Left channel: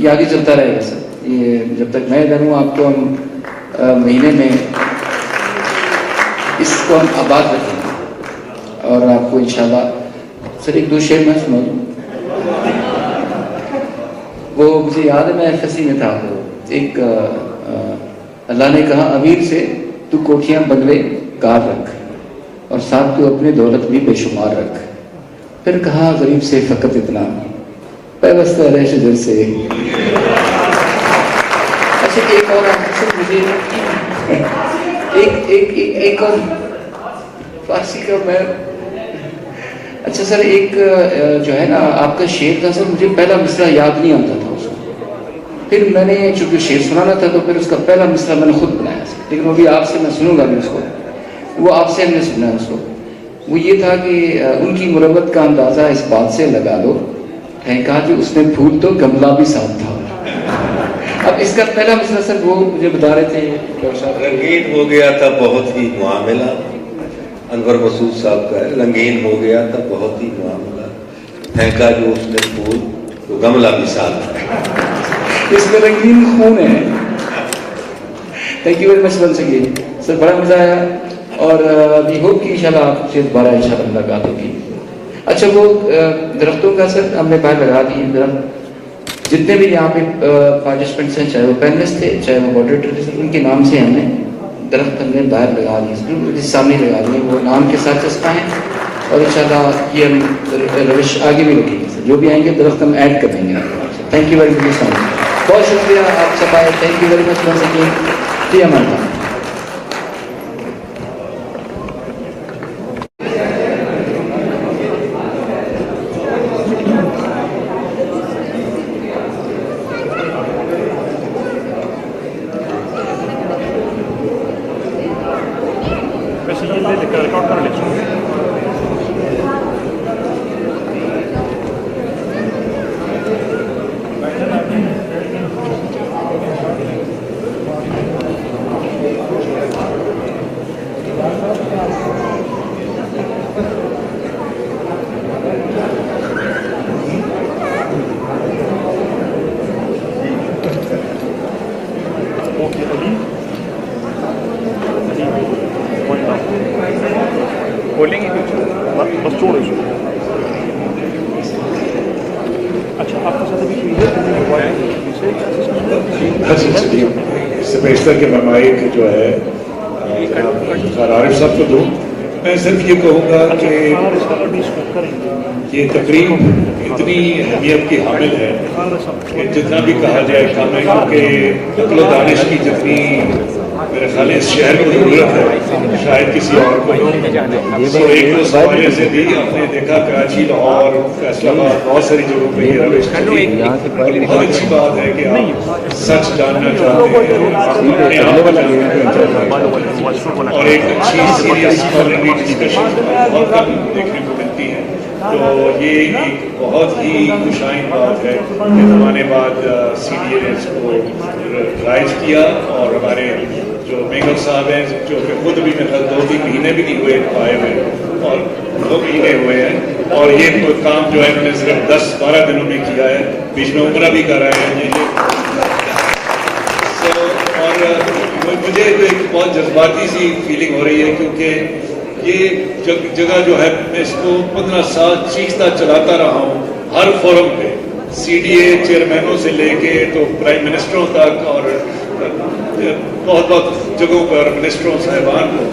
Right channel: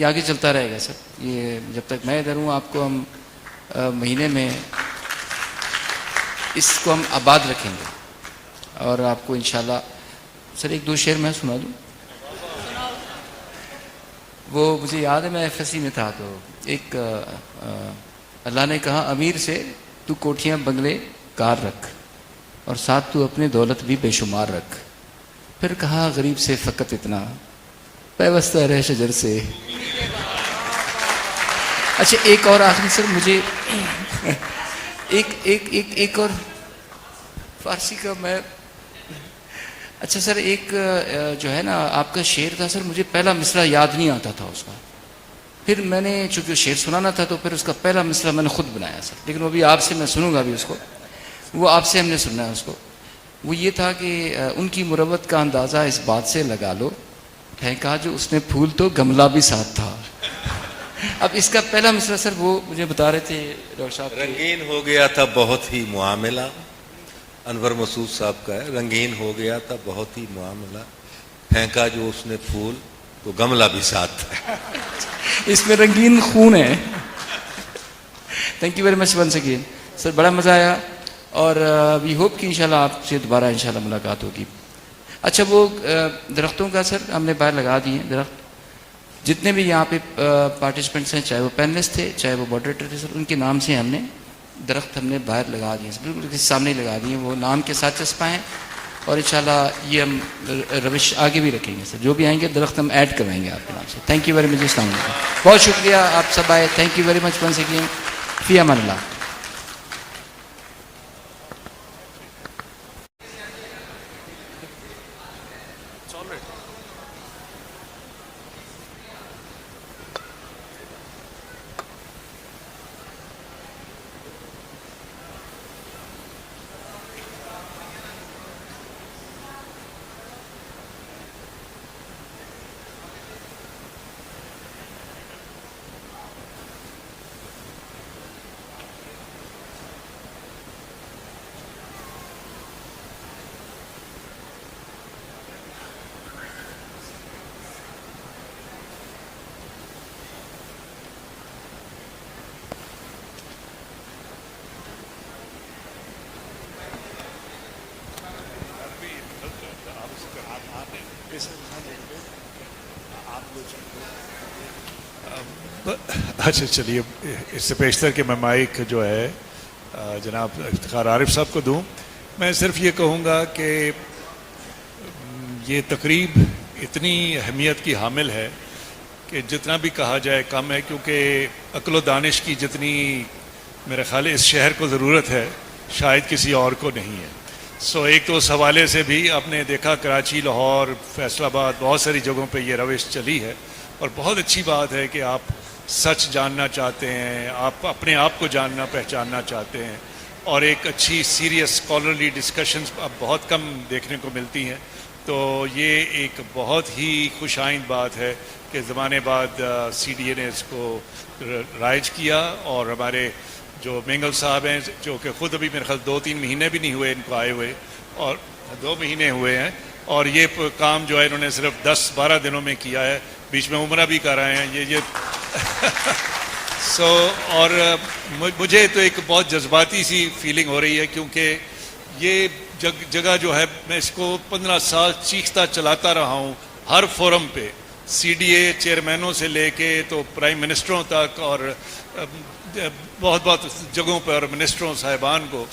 یہ آگے چلتا رہے گا سر. یہ جب تک میں دن ہوں آپ کو ہم مہینے میں اس کو ہم آباد رکھیں گے اور آپ کو انشاءاللہ سر ایک دو شعر میں سنا دوں. وہ مجھے یاد ہے میں FSC میں تھا. ایک اللہ نے کہا امیر سے تو کوٹھیاں بدلے گار رکھ اور ساتھ تو اپنے دولت بھی بے شمار رکھ. پھر کہا غریب سے فقط اتنا پیوستہ رہ شجر سے. اچھا ایک اور آخر سے مجھے ایک اور فارسی کا میں اچھا سر ایک جو ہے نا آپ کا شعر تھا سر مجھے پہلا مصرع یاد نہیں آتا تھا اس کا. پھر میں نے چونکہ شعر سنانا تھا تو پھر اس کا پہلا مصرع میں نے خود بنایا سر. پھر وہ بھی آپ سے میں سنوں گا اس کو. وہ آپ سے ہم نے سنا ہے اس کو. وہ یہ تھا کہ ان کی غربت کا اندازہ اس بات سے لگا لو پھینکا جو اس میں پھول تو گملہ بھی ساتھ تھا. اب اس کا پہلا مصرع سر وہ مجھے بتا رہے تھے. رنگین ہو گیا تھا بہت ہی معاملہ. انور مسعود صاحب کا ہے. رنگین ہو گیا تھا بہت ہی معاملہ پھینکا جو اس میں پھول تو گملہ بھی ساتھ تھا. اس میں رنگین خون ہے. Thank you very much one second sir. بڑا مزہ آیا اور وی ہوپ کہ انشاءاللہ آپ سے دوبارہ انشاءاللہ ملاقات ہوگی. اچھا وہ درختوں کا سر ہم نے باہر لگا دی. درخت جتنے بھی یہاں پہ پارٹیسپینٹس ہیں چاہے وہ پینلسٹ تھے چاہے وہ ماڈریٹر تھے ان کے نام سے ہم نے درخت ہم نے باہر لگا دی. سامنے لگا دیے. وہ نام کے ساتھ چسپائیں اور انشاءاللہ یہ روش آگے بھی ہوگی. جو بھی آئیں گے درخت ہم ایڈ کریں گے. تھینک یو ویری مچ. بہت شکریہ آپ سب آئے. Thank you very much one second. فی امان اللہ. اس سے بیشتر کہ میں مائک جو ہے عارف صاحب کو دوں. میں صرف یہ کہوں گا کہ یہ تقریب اتنی اہمیت کی حامل ہے کہ جتنا بھی کہا جائے کام ہے کیونکہ عقل و دانش کی جتنی میرے خیال اس شہر کو ضرورت ہے شاید کسی اور کو نہیں. تو ایک اس حوالے سے بھی ہم نے دیکھا کراچی لاہور فیصل آباد بہت ساری جگہوں پہ یہ روش چلی. بہت اچھی بات ہے کہ آپ سچ جاننا چاہتے ہیں اپنے آپ کو جاننا چاہتے ہیں اور ایک اچھی سیریس کمیونٹی ڈسکشن بہت کم دیکھنے کو ملتی ہے. تو یہ ایک بہت ہی خوشائن بات ہے کہ ہمارے بعد CDA نے اس کو رائج کیا اور ہمارے جو مینگل صاحب ہیں جو کہ خود بھی میرے خیال 2-3 مہینے بھی نہیں ہوئے آئے ہوئے اور 2 مہینے ہوئے ہیں اور یہ کام جو ہے انہوں نے صرف 10-12 دنوں میں کیا ہے. بیچ میں عمرہ بھی کر رہے ہیں اور مجھے تو ایک بہت جذباتی سی فیلنگ ہو رہی ہے کیونکہ یہ جگہ جو ہے میں اس کو 15 سال چیختا چلاتا رہا ہوں ہر فورم پہ CDA چیئرمینوں سے لے کے تو پرائم منسٹروں تک اور بہت بہت جگہوں پر منسٹروں صاحبان کو,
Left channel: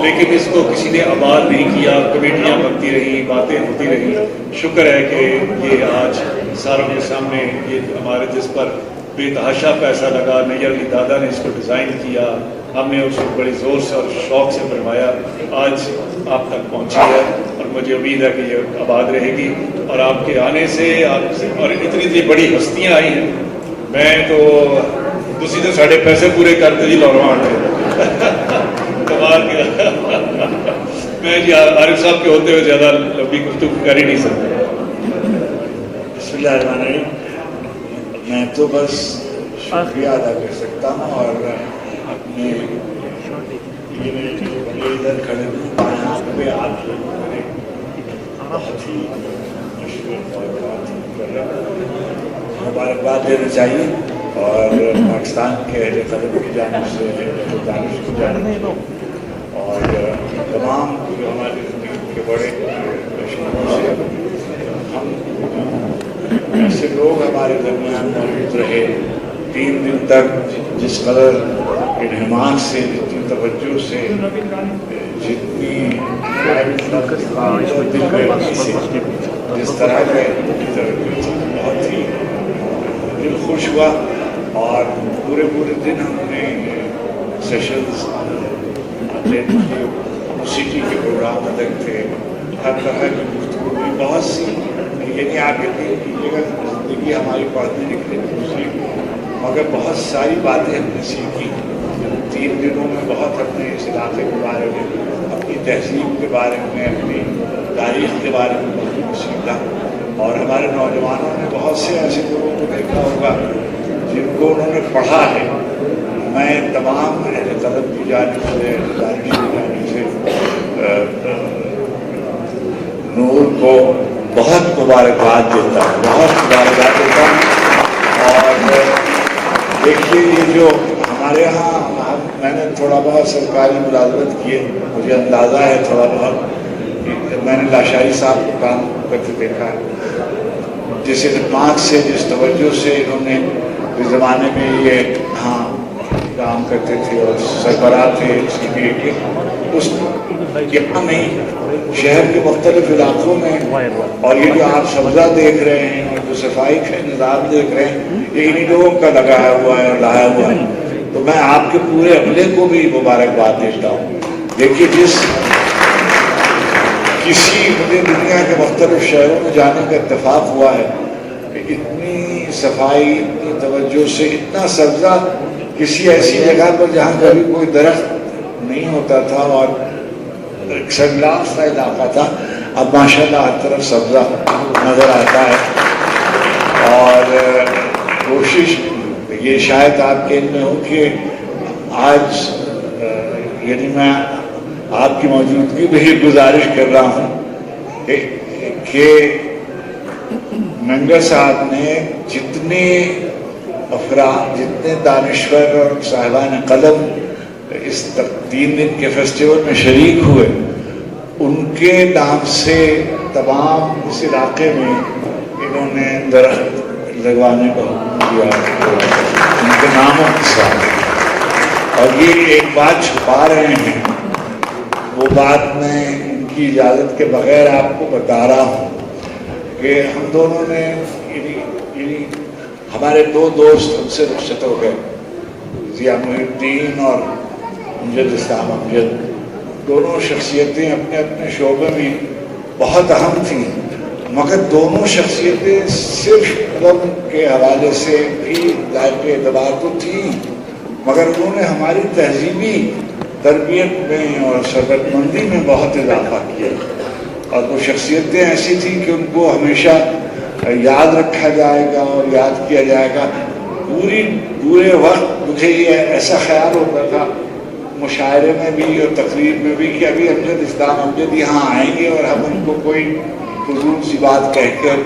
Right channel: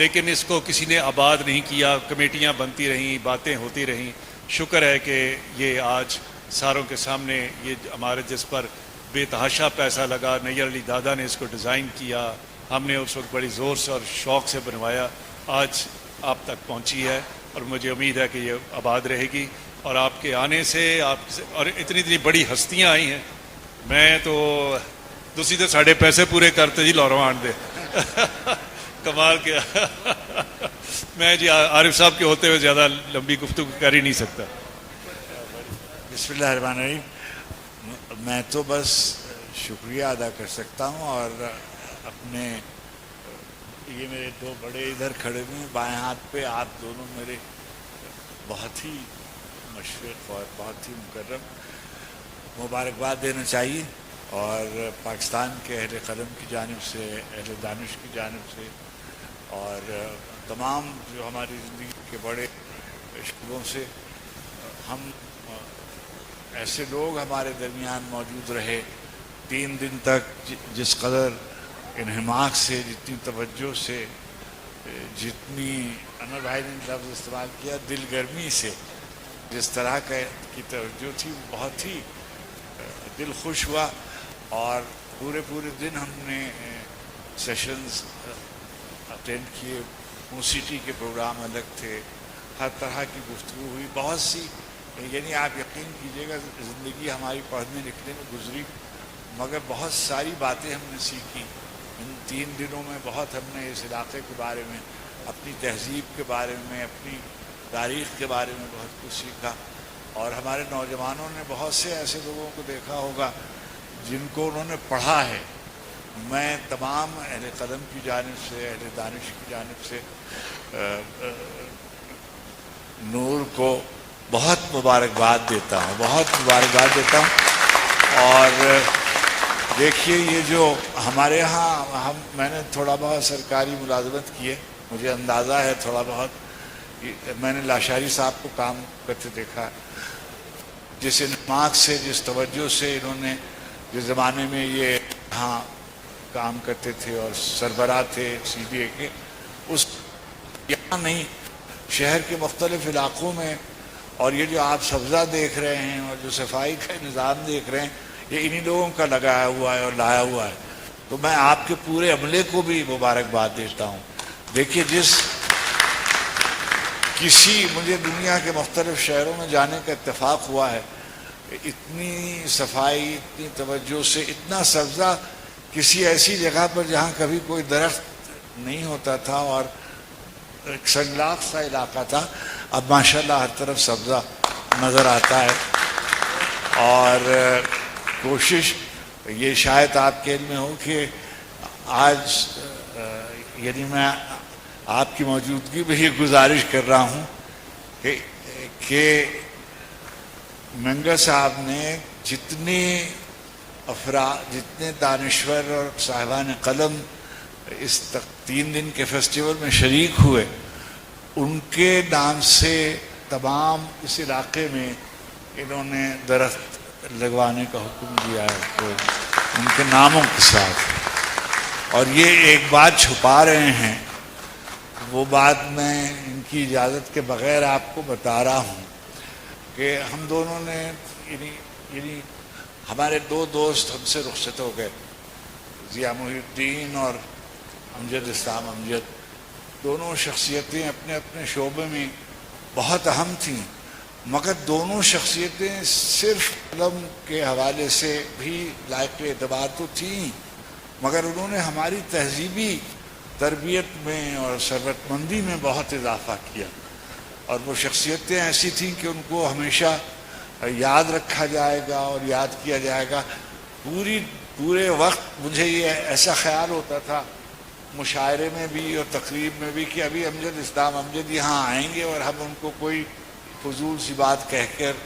لیکن اس کو کسی نے آباد نہیں کیا. کمیٹیاں بنتی رہی, باتیں ہوتی رہی. شکر ہے کہ یہ آج ساروں کے سامنے یہ ہمارے جس پر بے تحاشا پیسہ لگا, نہیں ابھی دادا نے اس کو ڈیزائن کیا, ہم نے اس کو بڑے زور سے اور شوق سے بنوایا, آج آپ تک پہنچی ہے اور مجھے امید ہے کہ یہ آباد رہے گی. اور آپ کے آنے سے آپ سے اور اتنی بڑی ہستیاں آئی ہیں, میں تو تسی تو ساڑھے پیسے پورے کرتے جی لوڑوان دے کمال کیا. میں جی عارف صاحب کے ہوتے ہوئے زیادہ ابھی گفتگو کر ہی نہیں سکتا. بسم اللہ الرحمن الرحیم. میں تو بس شکریہ ادا کر سکتا ہوں اور اپنے ادھر کھڑے ہوں بائیں ہاتھ پہ آپ لوگوں نے بہت ہی مشہور اور بات کر رہے ہیں. मुबारकबाद देना चाहिए और पाकिस्तान के अहले क़लम की जानिब से दानिश की जानिब और तमाम जो हमारे ज़िंदगी के बड़े मशहूरों से हम ऐसे लोग हमारे दरमियान मौजूद रहे 3 दिन तक जिस कदर इन्हमान से, जितनी तवज्जो से, जितनी जिस तरह का बहुत ही दिल खुश हुआ और पूरे दिन हमने सेशंस अपने मौसीकी के प्रोग्राम अदर थे, हर तरह की गुफ्तगू भी बहुत सी ये क्या कहते हैं कीजिएगा जिंदगी हमारी पढ़ने लिखने की, मगर बहुत सारी बातें हमने सीखी 3 दिनों में। बहुत अपने इस इलाके के बारे में, अपनी तहजीब के बारे में, अपनी तारीख के बारे में बहुत सीखा और हमारे नौजवानों ने बहुत से ऐसे लोगों को देखा होगा जिनको उन्होंने पढ़ा है। मैं तमाम अहले क़लम की जानिब से, दानिश की जानिब से नूर को बहुत मुबारकबाद देता हूँ, बहुत मुबारकबाद देता हूँ। और देखिए ये जो हमारे यहाँ मैंने थोड़ा बहुत सरकारी मुलाजमत की, मुझे अंदाज़ा है थोड़ा बहुत, मैंने लाशारी साहब को काम करते देखा है, जिस इत्मीनान से, जिस तवज्जो से इन्होंने इस ज़माने में ये हाँ काम करते थे और सरबराह थे CBA के, उस कितना नहीं शहर के मुख्तलिफ इलाकों में। और ये जो आप सब्ज़ा देख रहे हैं और जो सफाई का निज़ाम देख रहे हैं, ये इन्हीं लोगों का लगाया हुआ है, लाया हुआ है। तो मैं आपके पूरे अमले को भी मुबारकबाद देता हूँ। देखिए जिस किसी मुझे दुनिया के मुख्तलिफ शहरों में जाने का इत्तेफाक हुआ है, इतनी सफाई, इतनी तवज्जो से, इतना सब्ज़ा किसी ऐसी जगह पर जहाँ कभी कोई दरख्त नहीं होता था और सनराफ का इलाका था, अब माशाल्लाह हर तरफ सब्ज़ा नज़र आता है। और कोशिश ये शायद आपके इनमें हो कि आज यानी मैं आपकी मौजूदगी में ही गुजारिश कर रहा हूँ कि मंगा साहब ने जितने अफराद, जितने दानिश्वर और साहिबान कदम इस 3 दिन के फेस्टिवल में शरीक हुए, उनके नाम से तमाम इस इलाके में इन्होंने दरख्त लगवाने को किया, उनके नामों के साथ। और ये एक बात छुपा रहे हैं, वो बात मैं इनकी इजाज़त के बगैर आपको बता रहा हूँ कि हम दोनों ने हमारे 2 दोस्त हमसे रुखसत हो गए, ज़िया मुहिउद्दीन और अमजद इस्लाम अमजद। दोनों शख्सियतें अपने अपने शोबे में बहुत अहम थीं, मगर दोनों शख्सियतें सिर्फ गम के हवाले से भी के एतबार तो थी, मगर उन्होंने हमारी तहजीबी तरबियत में और शरतमंदी में बहुत इजाफा किया। और वो शख्सियतें ऐसी थी कि उनको हमेशा याद रखा जाएगा और याद किया जाएगा। पूरे वक्त मुझे ये ऐसा ख्याल होता था मुशायरे में भी और तकरीर में भी कि अभी अमजद इस्लाम अमजद यहाँ आएंगे और हम उनको कोई फजूल सी बात कहकर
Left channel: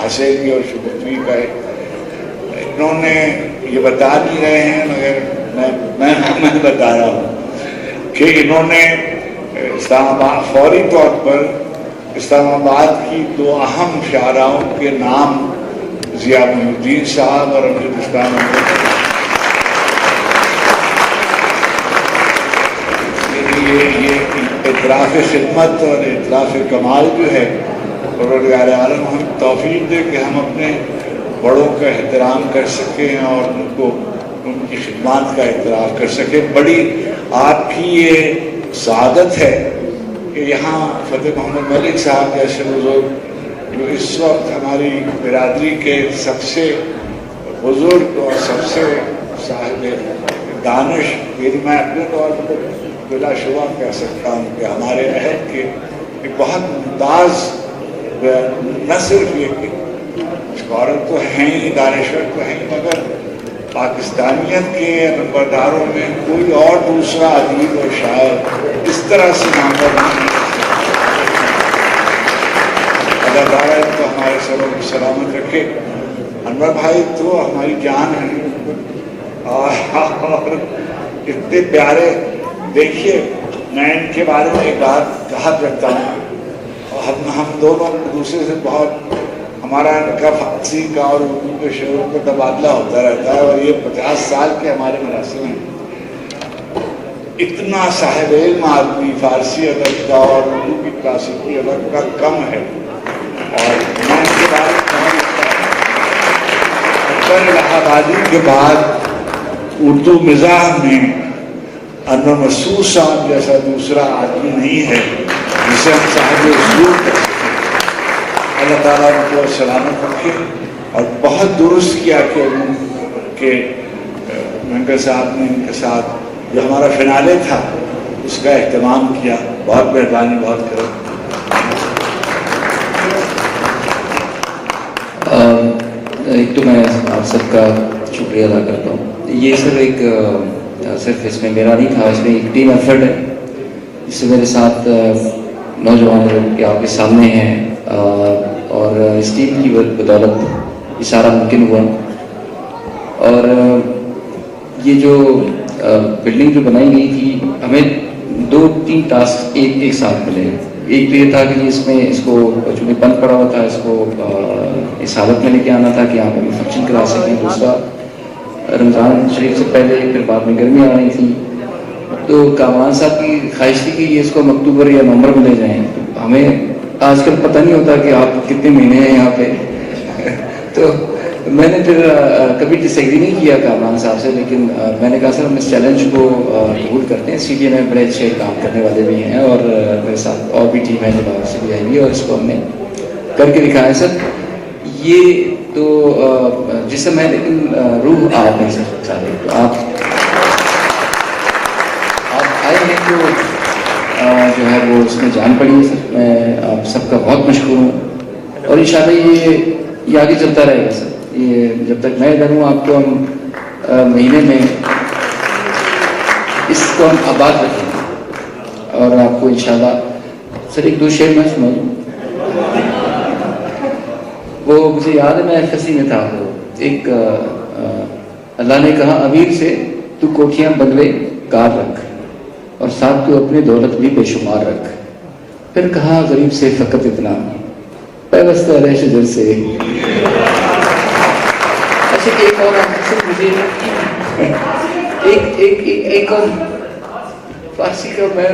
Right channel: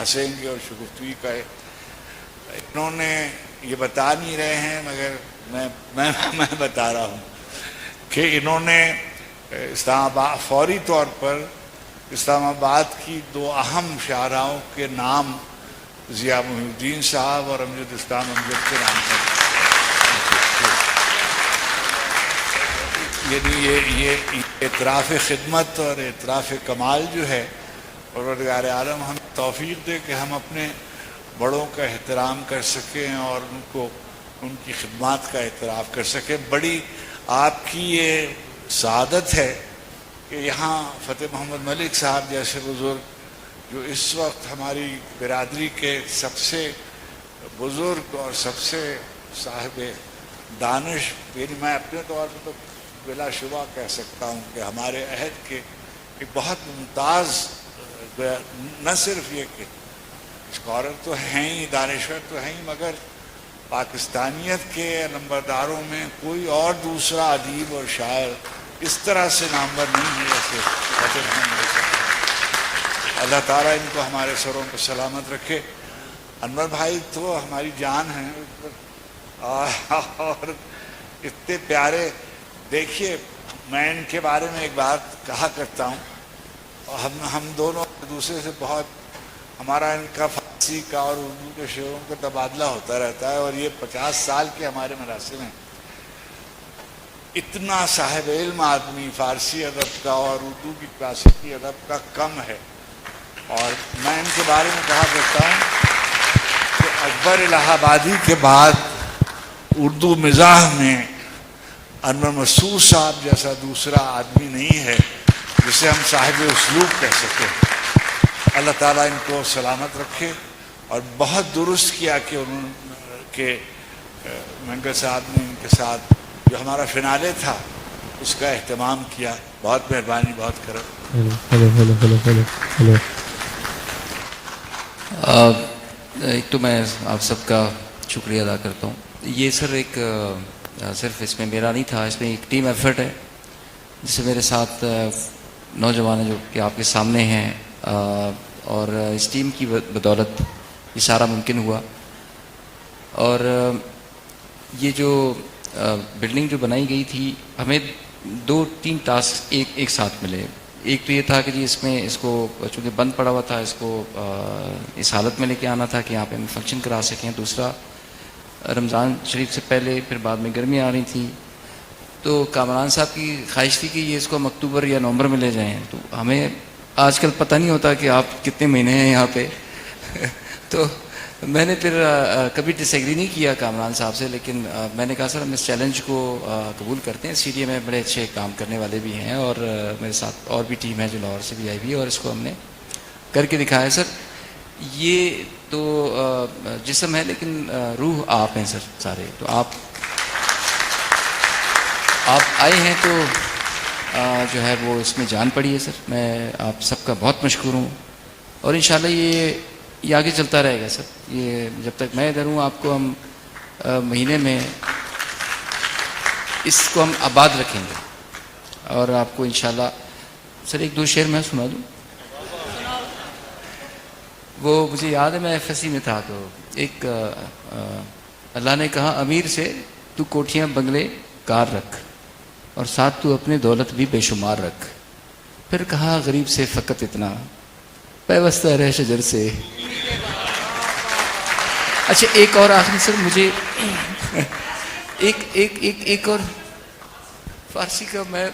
हंसेंगे और शुक्रिया कहे। इन्होंने ये बता नहीं रहे हैं, मगर मैं बता रहा हूँ कि इन्होंने इस्लामाबाद फौरी तौर पर इस्लामाबाद की 2 अहम शायराओं के नाम ज़िया मुहिउद्दीन साहब और अमजद इस्लाम ये इतराफ़ खिदमत और इतराफ़ कमाल जो है, परवरदिगार आलम हमें तौफीक दे कि हम अपने बड़ों का एहतराम कर सकें और उनको उनकी खिदमत का एहतराम कर सकें। बड़ी आपकी ये सादत है कि यहाँ फतेह मोहम्मद मलिक साहब जैसे बुजुर्ग जो इस वक्त हमारी बिरादरी के सबसे बुजुर्ग और सबसे साहिब दानिश, ये मैं अपने तौर पर बिलाशुबा कह सकता हूँ कि हमारे अहद के एक बहुत मुमताज़ न सिर्फ एक औरत तो हैं ही, दानिश्वर तो हैं, मगर पाकिस्तानियत के नंबरदारों में कोई और दूसरा अदीब और शायर इस तरह से नामवर नहीं। अल्लाह ताला तो हमारे सब सलामत रखे। अनवर भाई तो हमारी जान है और कितने प्यारे। देखिए मैं इनके बारे में एक बात कहा करता हूँ, और हम दोनों दूसरे से बहुत, हमारा इनका फारसी का और उर्दू के शेरों का तबादला होता रहता है, और ये 50 साल के हमारे मरासिल हैं। इतना साहिब इल्म आदमी फारसी अदब का और उर्दू की क्लासिकी अदब का कम है। और मैं इनके बारे में इलाहाबादी के बाद उर्दू मिजाह में अनवर मसूद साहब जैसा दूसरा आदमी नहीं है जिसे हम साहिब उस्लूब कहते हैं। अल्लाह ताला उनको सलामत रखे। और बहुत दुरुस्त किया कि मेंबर साहब ने उनके साथ जो हमारा फिनाले था उसका एहतमाम किया। बहुत मेहरबानी, बहुत करो। एक तो मैं आप सबका शुक्रिया अदा करता हूँ। ये सर एक सिर्फ इसमें मेरा नहीं था, इसमें एक टीम एफर्ट है जिससे मेरे साथ नौजवान लोग के आपके सामने हैं, और इस टीम की बदौलत सारा मुमकिन हुआ। और ये जो बिल्डिंग जो बनाई गई थी, हमें 2-3 टास्क एक साथ मिले। एक ये था कि इसमें इसको जो बंद पड़ा हुआ था इसको इस हालत में लेके आना था कि यहाँ पे फंक्शन करा सकें। दूसरा, रमज़ान शरीफ से पहले फिर बाद में गर्मी आ रही थी, तो कामान साहब की ख्वाहिश थी कि इसको हम अक्टूबर या नवंबर में ले जाएँ। हमें आजकल पता नहीं होता कि आप कितने महीने हैं यहाँ पे तो मैंने फिर कभी डिसएग्री नहीं किया कामान साहब से, लेकिन मैंने कहा सर हम इस चैलेंज को कबूल करते हैं। सीजीए में बड़े अच्छे काम करने वाले भी हैं, और मेरे साथ और भी टीम है जो बाहर से भी आएंगी, और इसको हमने करके दिखाया। सर ये तो जिसम है, लेकिन रूह आप नहीं सर चाहे। तो आप आए हैं तो जो है वो उसमें जान पड़ी है। सर मैं आप सबका बहुत मशहूर हूँ, और इंशाल्लाह ये आगे चलता रहेगा सर। ये जब तक मैं जानूँ आपको हम महीने में इसको हम आबाद रखेंगे, और आपको इंशाल्लाह सर 1-2 शेर में सुना दूँ। वो मुझे याद है, मैं FSC में था, एक अल्लाह ने कहा अमीर से तू कोठियाँ बनवे कार रख, और साथ तू अपने दौलत भी बेशुमार रख। फिर कहा गरीब से फ़कत इतना पैवस्ता रह शिदत से। अच्छा एक और आखिर से मुझे एक और फारसी का मैं,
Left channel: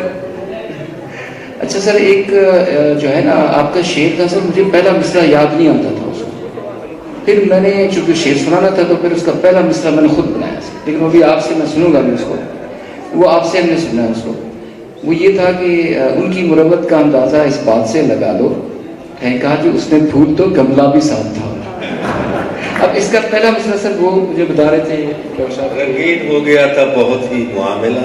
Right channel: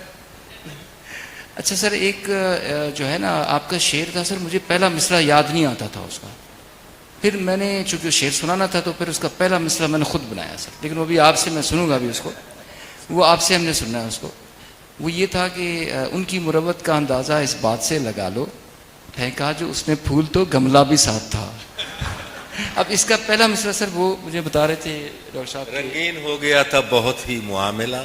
अच्छा सर एक जो है ना आपका शेर का, सर मुझे पहला मिसरा याद नहीं आता था उसको। फिर मैंने चूँकि शेर सुनाना था तो फिर उसका पहला मिसरा मैंने खुद बनाया। फिर वो भी आपसे मैं सुनूंगा भी उसको, वो आपसे हमने सुना उसको। वो ये था कि उनकी मुरब्बत का अंदाज़ा इस बात से लगा लो, कहा कि उसमें फूल तो गमला भी साथ था। अब इसका पहला मिसरा सर वो मुझे बता रहे थे। रंगीन हो गया था बहुत ही मामला,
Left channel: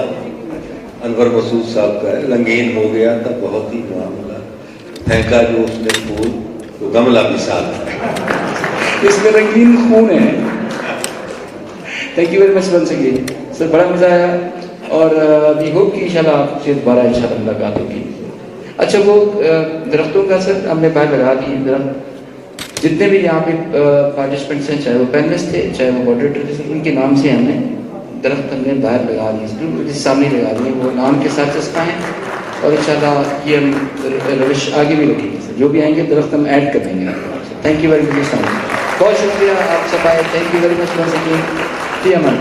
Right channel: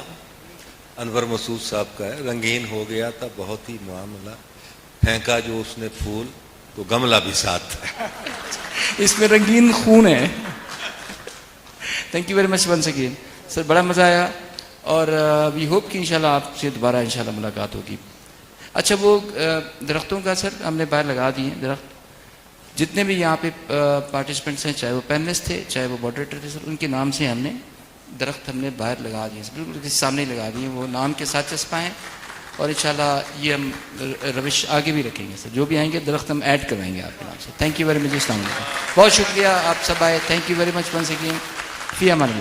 अनवर मसूद साहब का है। रंगीन हो गया था बहुत ही मामला, फेंका जो उसने फूल तो गमला भी साथ था। इसमें रंगीन खून है। Thank you very much one second sir, बड़ा मजा आया, और वी होप कि इंशाल्लाह आपसे दोबारा इंशाल्लाह मुलाकात होगी। अच्छा वो दरख्तों का सर हमने बाहर लगा दी, जितने भी यहाँ पे पार्टिसिपेंट्स हैं, चाहे वो पैनलिस्ट थे चाहे वो मॉडरेटर थे, उनके नाम से हमने दरख्त हमने बाहर लगा दिए, सामने लगा दिए, वो नाम के साथ चस्पाएँ, और इंशाल्लाह ये रविश आगे भी रखेंगे। जो भी आएंगे दरख्त हम ऐड करेंगे। थैंक यू वेरी मच, बहुत शुक्रिया आप सब आए। Thank you very much. Fee Aman.